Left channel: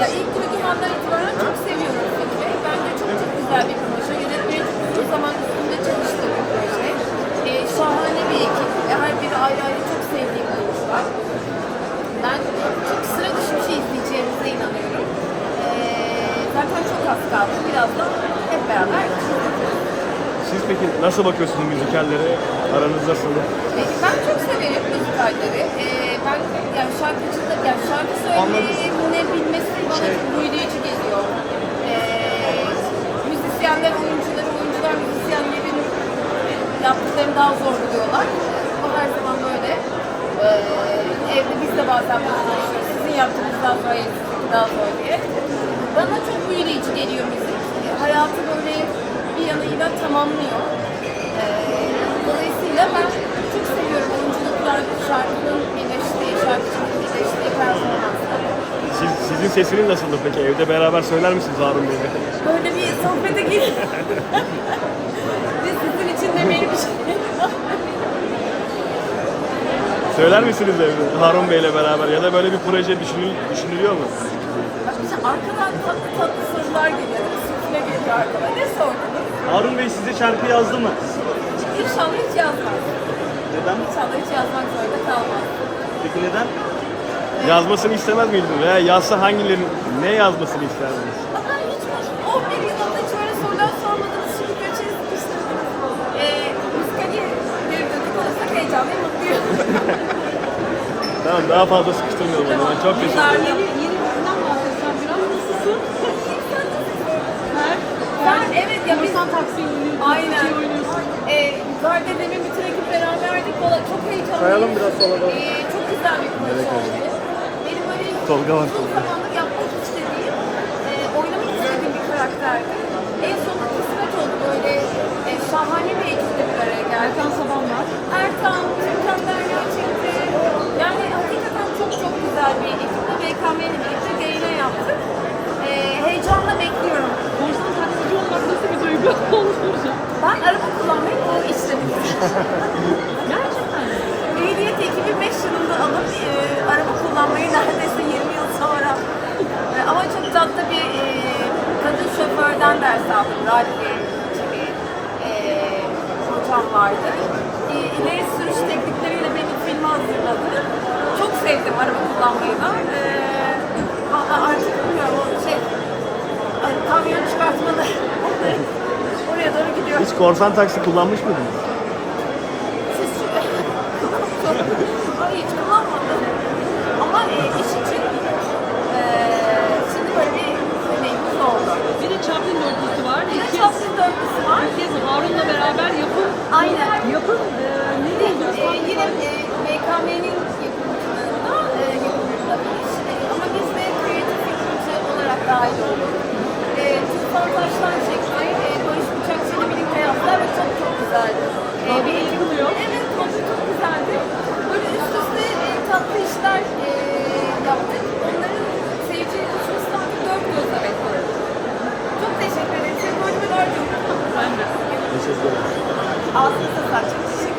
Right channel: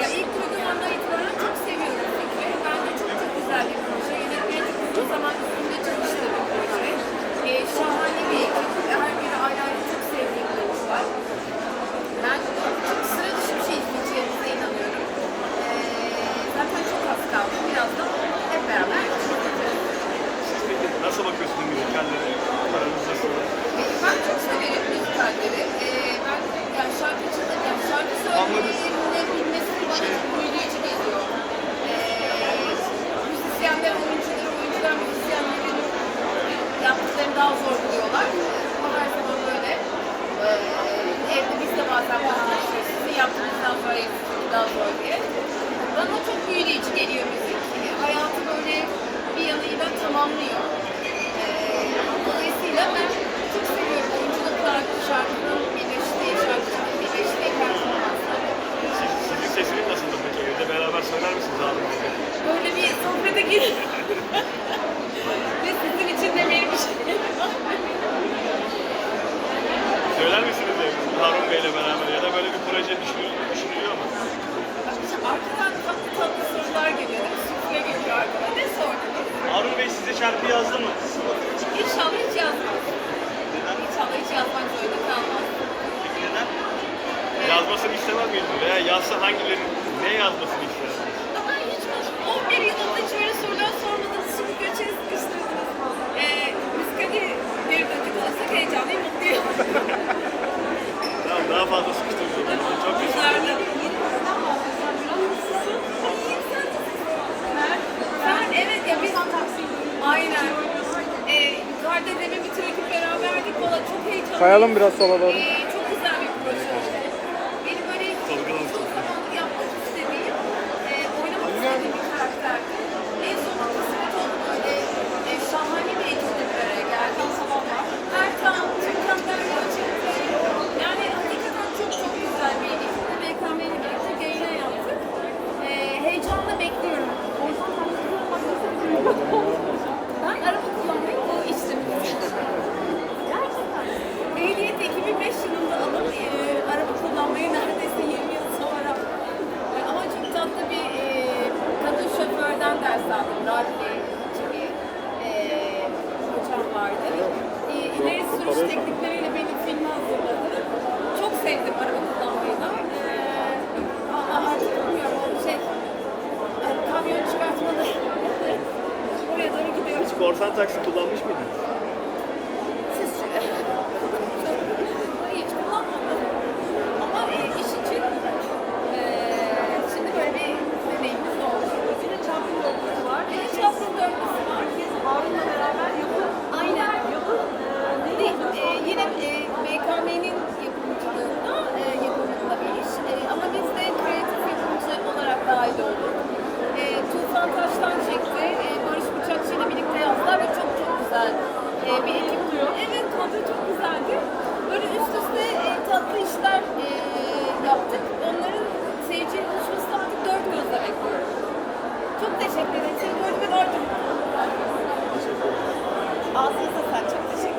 ya ilk duyduğumdan itibaren çok seviyorum fikri. Bence çok çok güzel bir proje. Yönetmeni uzun zaman üstünde çalıştığı bir proje. Ee, şahane bir ekip. Her biri ayrı ayrı çok sevdiğim oyuncular. Ben çok sıra dışı bir şey izleyeceğimize inanıyorum. Ee, zaten çok az kaldı. Birazdan hep beraber. Siz peki nasıl bakıyorsunuz müzikallere? Aranız nasıl? Ben çok severim müzikalleri. Ee, ben yani şarkıcıda, yani şarkı söyleyebilmesi bana çok büyüleyici geliyor. Ee, müzisyenler, oyuncuları, oyuncular müzisyenlerin zor buluyorlar. Ama her zaman böyle. Ee, evde biz de bazen konuşuyoruz. Sizin yaptığınızdan sonra sizinki daha zor diye. Bana çok büyüleyici geliyor müzik. Hayatı böyle bir yanıyla tamamlıyor. Ee, dolayısıyla ben çok seviyorum oyunculuklar, şarkının birleştiği, şarkıcının birleştiği performansları. Siz, sizin sesiniz nasıldır peki? Evde beraber söyler misiniz Bey'le? Böyle bir sohbete gir. Ve sizin için de benim için. Söyler misiniz evde Harun Bey'le beraber ya da böyle bir proje düşünül, düşünülüyor mu? Arkadan tatlı tatlı sorular geliyor. Sufle geliyor arkadan. Ne sordunuz? Harun Bey size şarkı yazdı mı? İnşallah hiç yazmaz. Neden? İnşallah hiç yazmak zorunda kalmaz. Peki neden? Yazmasını istemez miydiniz? Veya yazsa hangilerini, ne yazmasını isterdiniz? Ama ben hiç 11 yılında hiç öyle sorular sormadınız. Şimdi göçeri sıkıştırdınız. Ee, müzikali bir dedik olsak heyecanlıyım, mutluyum. Tamam daha fazla sıkıştırmayalım. Yani çok nasılsın? Ben evet ya biz Aynen. Ee, yukarıda demin bütün ekip beraberdik. Valla çok heyecanlıyım. Kayalım biraz sola doğru. Ee, çok güzel bir oldu. Benim böyle Tolga var. uzun zamandır yapmak istediğim, e, oynamak istediğim bir karakterdi. En sonunda kısmet oldu böyle e, şahane bir ekiple bir araya geldi. Erkan, Türkan Derya çıktı. Yani hakikaten çok çok güzel bir ekiple BKM'yle birlikte yayına yaptık. E, bekliyorum. Ben araba kullanmayı bu istemiştim. Gerçekten. Ehliyet 2005 yılında alıp e, araba kullanmayı neredeyse 20 yıl sonra e, ama çok tatlı bir e, kadın şoförden ders aldım. Radli gibi e, hocam vardı. E, ileri sürüş teknikleriyle beni filme hazırladı. Çok sevdim araba kullanmayı da. E, valla artık bilmiyorum o şey hani kamyon çıkartmalı. Oraya doğru gidiyor. Hiç korsan taksi kullanmış mıydınız? Hayır hiç kullanmadım. Ama e, iş için e, şimdi böyle bir deneyimimiz oldu. Bir de Chaplin dörtlüsü var. Bir de Chaplin dörtlüsü var. kez Harun'la beraber yapıp Aynen. yapıp e, ne de e, yine e, BKM'nin yapımcılığında e, yapımında bir iş. E, ama biz de kreatif yapımcı olarak dahil olduk. E, Tufan Taş'tan çekti. E, Barış Bıçakçı ile birlikte yazdılar ve çok çok güzeldi. E, bir ekip Evet, modu çok güzeldi. Böyle üst üste e, tatlı işler e, yaptık. Onların seyirciye buluşmasını artık dört gözle bekliyorum. Çok teşekkür ederim. Senin bölümü var mı? Teşekkür ederim. Ağzınıza sağlık.